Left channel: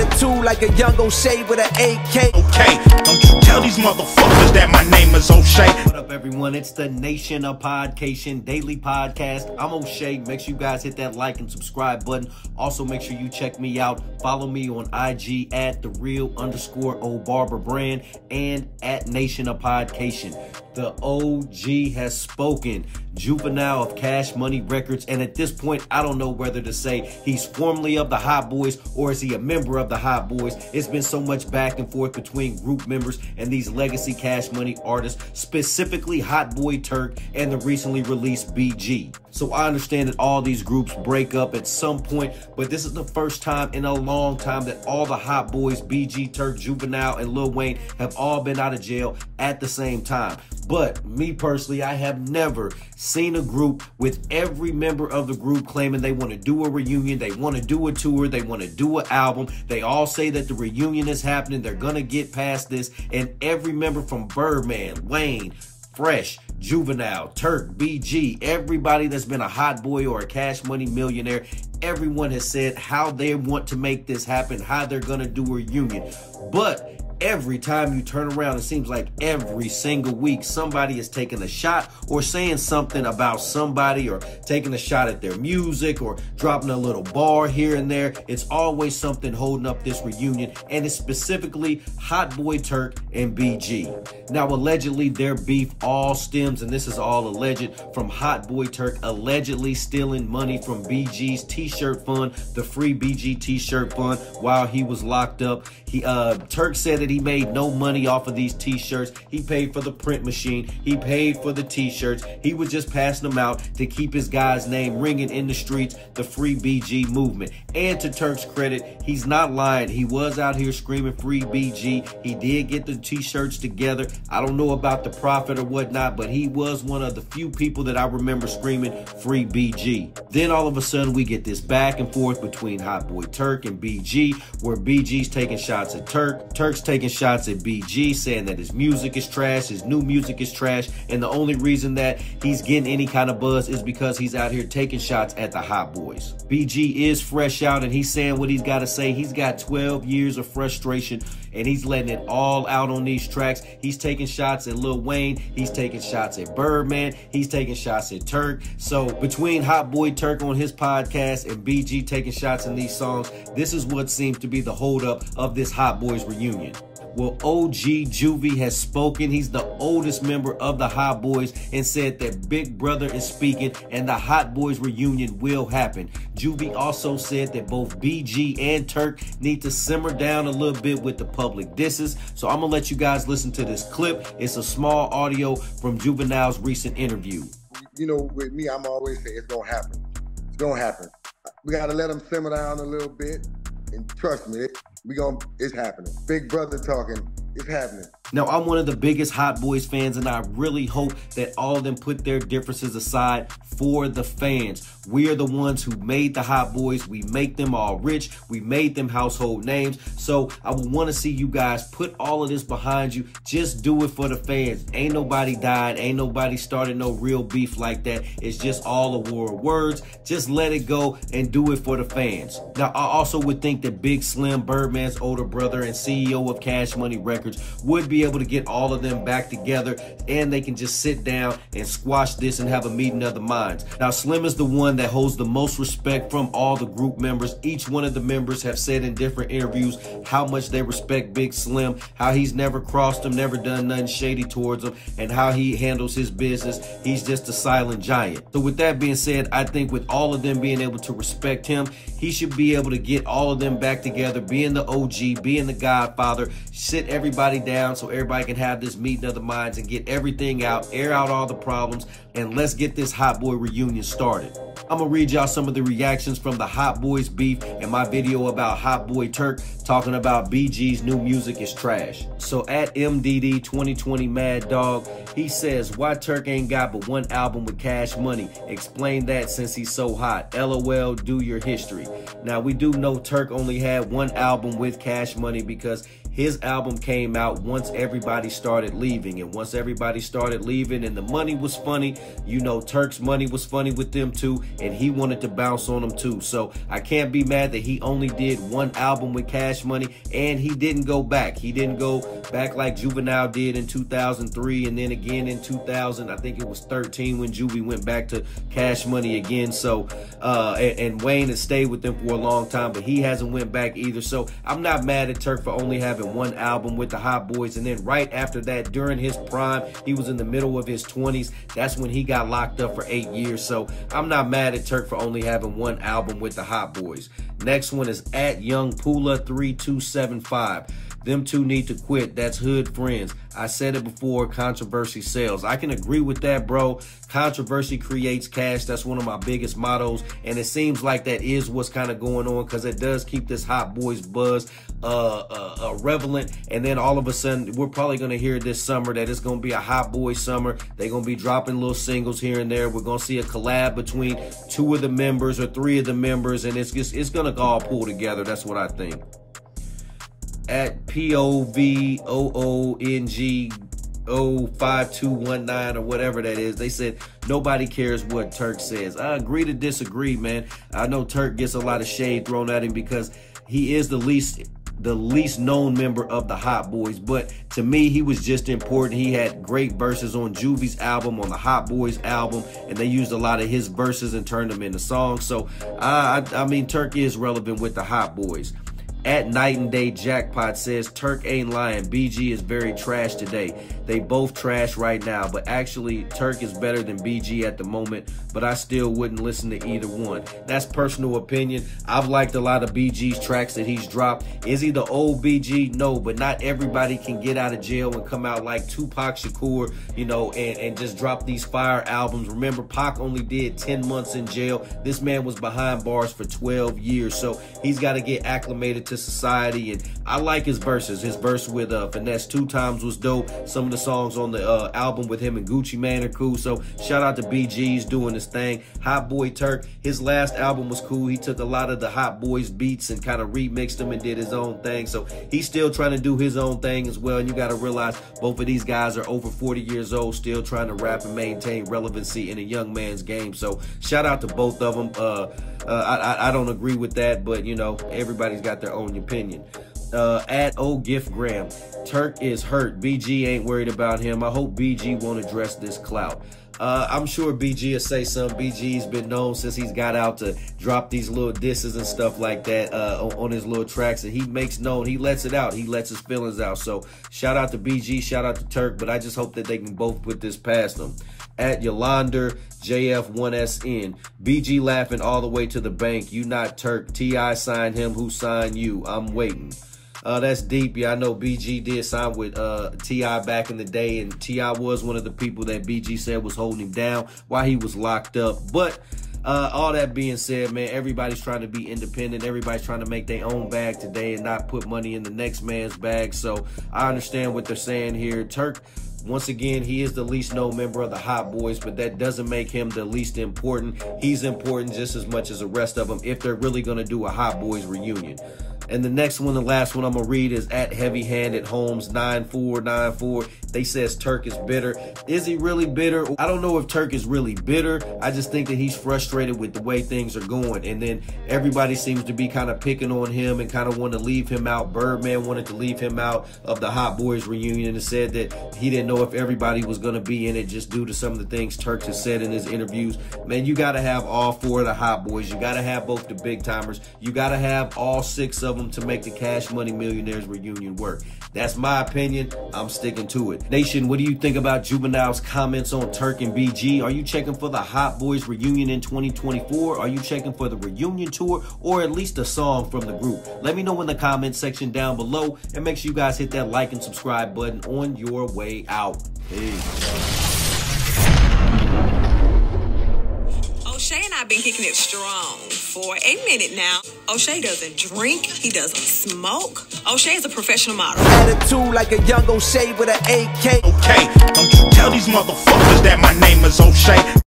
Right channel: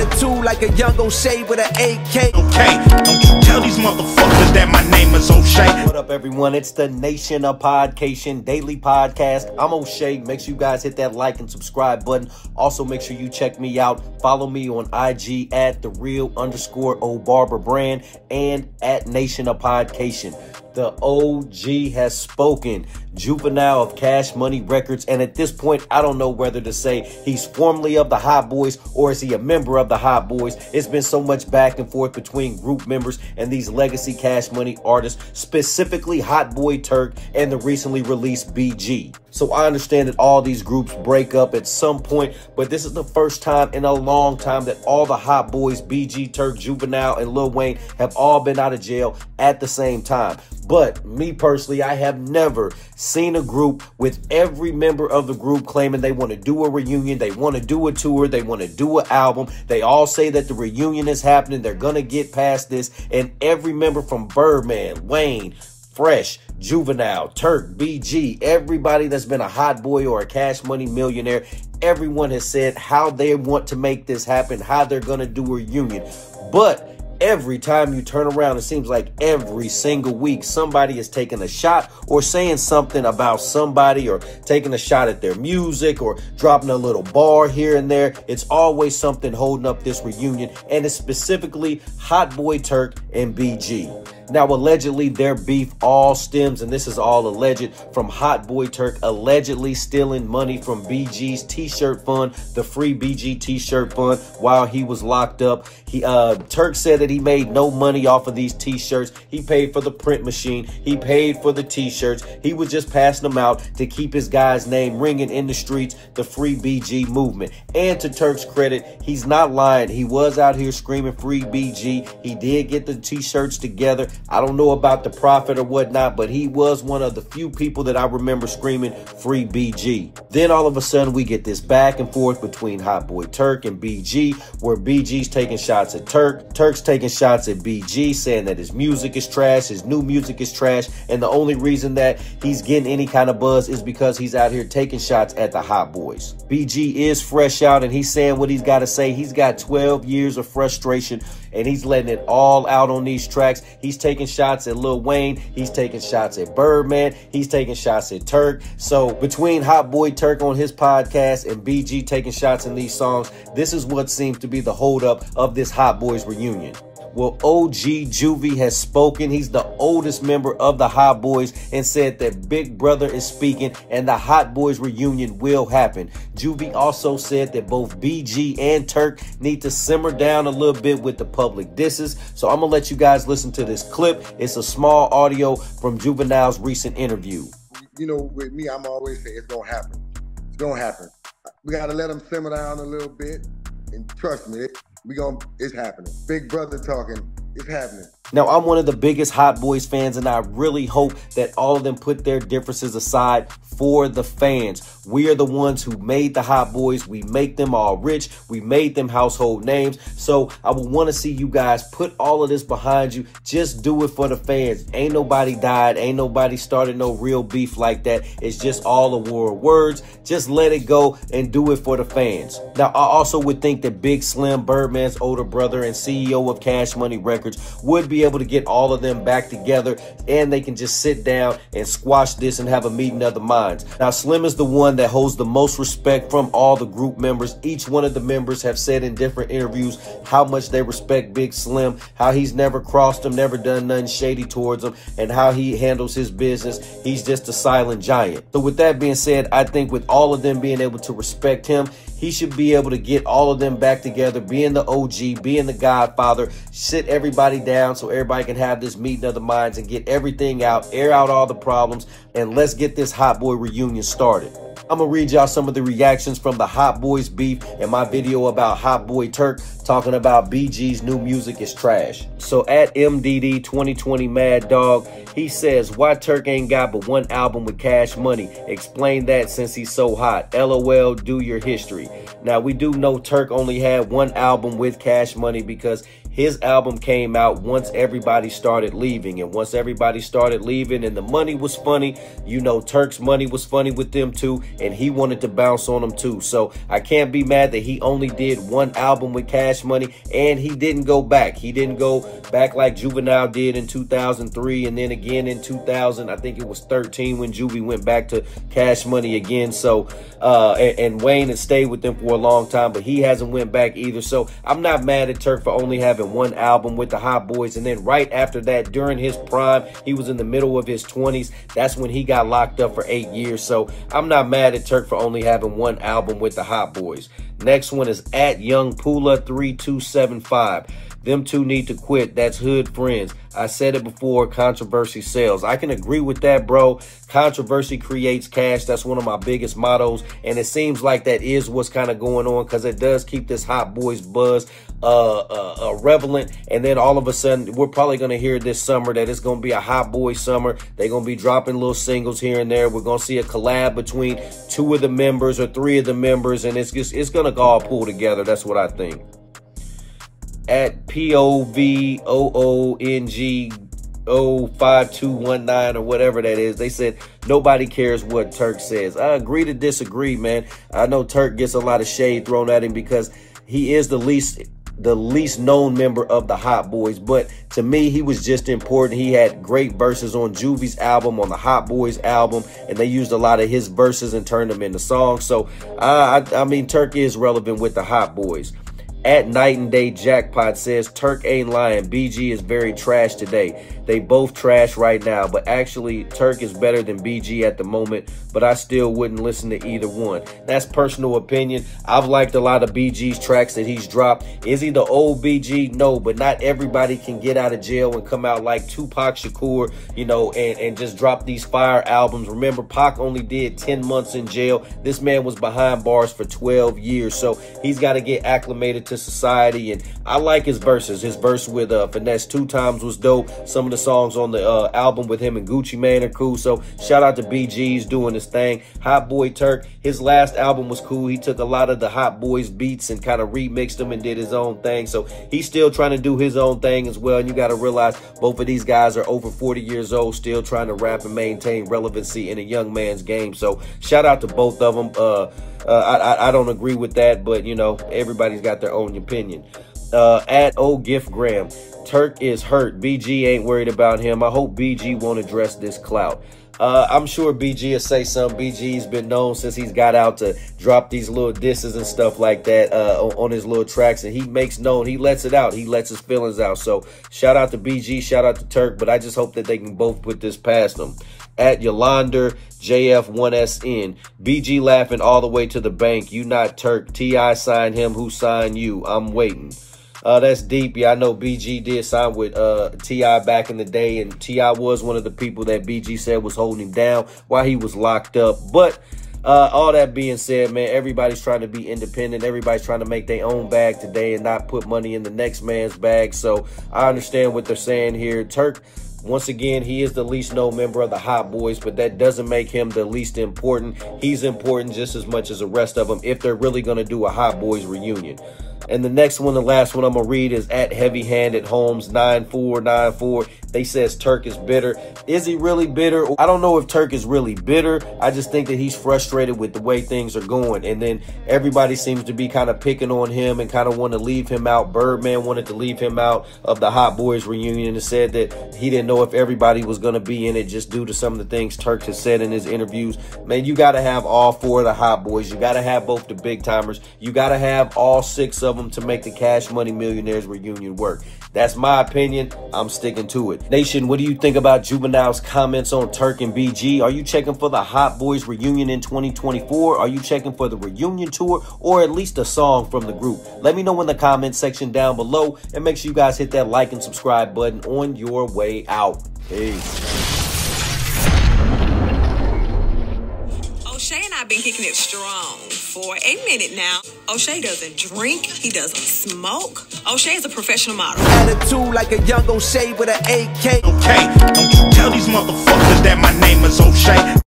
attitude like a young O'Shea with an AK. Okay, don't you tell these motherfuckers that my name is O'Shea. What up, everyone? It's the Nation of Podcation Daily Podcast. I'm O'Shea. Make sure you guys hit that like and subscribe button. Also, make sure you check me out. Follow me on IG at @thereal_OBarberbrand and at Nation of Podcation. The OG has spoken. Juvenile of Cash Money Records. And at this point, I don't know whether to say he's formerly of the Hot Boys or is he a member of the Hot Boys. It's been so much back and forth between group members and these legacy Cash Money artists, specifically Hot Boy Turk and the recently released BG. So I understand that all these groups break up at some point, but this is the first time in a long time that all the Hot Boys, BG, Turk, Juvenile, and Lil Wayne have all been out of jail at the same time. But me personally, I have never seen a group with every member of the group claiming they want to do a reunion, they want to do a tour, they want to do an album. They all say that the reunion is happening, they're going to get past this, and every member from Birdman, Wayne, Fresh, Juvenile, Turk, BG, everybody that's been a Hot Boy or a Cash Money millionaire, everyone has said how they want to make this happen, how they're going to do a reunion. But every time you turn around, it seems like every single week somebody is taking a shot or saying something about somebody or taking a shot at their music or dropping a little bar here and there. It's always something holding up this reunion, and it's specifically Hot Boy Turk and BG. Now, allegedly, their beef all stems, and this is all alleged, from Hot Boy Turk allegedly stealing money from BG's t-shirt fund, the free BG t-shirt fund, while he was locked up. Turk said that he made no money off of these t-shirts. He paid for the print machine. He paid for the t-shirts. He was just passing them out to keep his guy's name ringing in the streets, the free BG movement. And to Turk's credit, he's not lying. He was out here screaming free BG. He did get the t-shirts together. I don't know about the profit or whatnot, but he was one of the few people that I remember screaming free BG. Then all of a sudden we get this back and forth between Hot Boy Turk and BG, where BG's taking shots at Turk. Turk's taking shots at BG, saying that his music is trash, his new music is trash, and the only reason that he's getting any kind of buzz is because he's out here taking shots at the Hot Boys. BG is fresh out, and he's saying what he's got to say. He's got 12 years of frustration, and he's letting it all out on these tracks. He's taking shots at Lil Wayne. He's taking shots at Birdman. He's taking shots at Turk. So between Hot Boy Turk on his podcast and BG taking shots in these songs, this is what seems to be the holdup of this Hot Boys reunion. Well, OG Juvie has spoken. He's the oldest member of the Hot Boys and said that Big Brother is speaking and the Hot Boys reunion will happen. Juvie also said that both BG and Turk need to simmer down a little bit with the public disses. So I'm going to let you guys listen to this clip. It's a small audio from Juvenile's recent interview. You know, with me, I'm always saying it's going to happen. It's going to happen. We got to let them simmer down a little bit. And trust me, it's happening. Big Brother talking, it's happening. Now, I'm one of the biggest Hot Boys fans, and I really hope that all of them put their differences aside for the fans. We are the ones who made the Hot Boys. We make them all rich. We made them household names. So I would want to see you guys put all of this behind you. Just do it for the fans. Ain't nobody died. Ain't nobody started no real beef like that. It's just all a war of words. Just let it go and do it for the fans. Now, I also would think that Big Slim, Birdman's older brother and CEO of Cash Money Records, would be able to get all of them back together, and they can just sit down and squash this and have a meeting of the minds. Now, Slim is the one that holds the most respect from all the group members. Each one of the members have said in different interviews how much they respect Big Slim, how he's never crossed them, never done nothing shady towards them, and how he handles his business. He's just a silent giant. So with that being said, I think with all of them being able to respect him, he should be able to get all of them back together, being the OG, being the Godfather, sit everybody down so everybody can have this meeting of the minds and get everything out, air out all the problems, and let's get this Hot Boy reunion started. I'm going to read y'all some of the reactions from the Hot Boys beef in my video about Hot Boy Turk talking about BG's new music is trash. So at MDD 2020 Mad Dog, he says, why Turk ain't got but one album with Cash Money? Explain that since he's so hot. LOL, do your history. Now, we do know Turk only had one album with Cash Money because his album came out once everybody started leaving. And once everybody started leaving and the money was funny, you know, Turk's money was funny with them too, and he wanted to bounce on them too. So I can't be mad that he only did one album with Cash Money, and he didn't go back. He didn't go back like Juvenile did in 2003, and then again in 2000, I think it was 13 when Juvie went back to Cash Money again. So, and Wayne has stayed with them for a long time, but he hasn't went back either. So I'm not mad at Turk for only having one album with the Hot Boys, and then right after that, during his prime, he was in the middle of his 20s. That's when he got locked up for 8 years. So I'm not mad at Turk for only having one album with the Hot Boys. Next one is at Young Pula 3275. Them two need to quit. That's hood friends. I said it before, controversy sells. I can agree with that, bro. Controversy creates cash. That's one of my biggest mottos. And it seems like that is what's kind of going on, because it does keep this Hot Boys buzz relevant. And then all of a sudden, we're probably going to hear this summer that it's going to be a Hot Boys summer. They're going to be dropping little singles here and there. We're going to see a collab between 2 of the members or 3 of the members. And it's going to all pull together. That's what I think. At POVOONG05219 or whatever that is, they said nobody cares what Turk says. I agree to disagree, man. I know Turk gets a lot of shade thrown at him because he is the least known member of the Hot Boys, but to me, he was just important. He had great verses on Juvie's album, on the Hot Boys album, and they used a lot of his verses and turned them into songs. So I mean, Turk is relevant with the Hot Boys. At Night and Day Jackpot says, Turk ain't lying. BG is very trash today. They both trash right now, but actually Turk is better than BG at the moment, but I still wouldn't listen to either one. That's personal opinion. I've liked a lot of BG's tracks that he's dropped. Is he the old BG? No, but not everybody can get out of jail and come out like Tupac Shakur, you know, and just drop these fire albums. Remember, Pac only did 10 months in jail. This man was behind bars for 12 years, so he's got to get acclimated to society. And I like his verses. His verse with Finesse 2 Times was dope. Some of the songs on the album with him and Gucci Mane are cool. So shout out to BG's doing his thing. Hot Boy Turk, his last album was cool. He took a lot of the Hot Boys beats and kind of remixed them and did his own thing. So he's still trying to do his own thing as well. And you got to realize both of these guys are over 40 years old, still trying to rap and maintain relevancy in a young man's game. So shout out to both of them. I don't agree with that, but you know, everybody's got their own opinion. At Old Gift Graham, Turk is hurt. BG ain't worried about him. I hope BG won't address this clout. I'm sure BG will say something. BG's been known since he's got out to drop these little disses and stuff like that on his little tracks, and he makes known, he lets it out. He lets his feelings out. So shout out to BG, shout out to Turk, but I just hope that they can both put this past them. At Yolander JF1SN, BG laughing all the way to the bank. You not Turk. T.I. signed him. Who signed you? I'm waiting. That's deep. Yeah, I know BG did sign with T.I. back in the day, and T.I. was one of the people that BG said was holding him down while he was locked up. But all that being said, man, everybody's trying to be independent. Everybody's trying to make their own bag today and not put money in the next man's bag. So I understand what they're saying here. Turk, once again, he is the least known member of the Hot Boys, but that doesn't make him the least important. He's important just as much as the rest of them if they're really going to do a Hot Boys reunion. And the next one, the last one I'm going to read is at Heavy Handed Holmes 9494. They says Turk is bitter. Is he really bitter? I don't know if Turk is really bitter. I just think that he's frustrated with the way things are going. And then everybody seems to be kind of picking on him and kind of want to leave him out. Birdman wanted to leave him out of the Hot Boys reunion and said that he didn't know if everybody was going to be in it just due to some of the things Turk has said in his interviews. Man, you got to have all 4 of the Hot Boys. You got to have both the big timers. You got to have all 6 of them to make the Cash Money Millionaires reunion work. That's my opinion. I'm sticking to it. Nation, what do you think about Juvenile's comments on Turk and BG? Are you checking for the Hot Boys reunion in 2024? Are you checking for the reunion tour or at least a song from the group? Let me know in the comment section down below, and make sure you guys hit that like and subscribe button on your way out. Peace. O'Shea and I have been kicking it strong for a minute now. O'Shea doesn't drink. He doesn't smoke. O'Shea is a professional model. Attitude like a young O'Shea with an AK. Okay, don't you tell these motherfuckers that my name is O'Shea.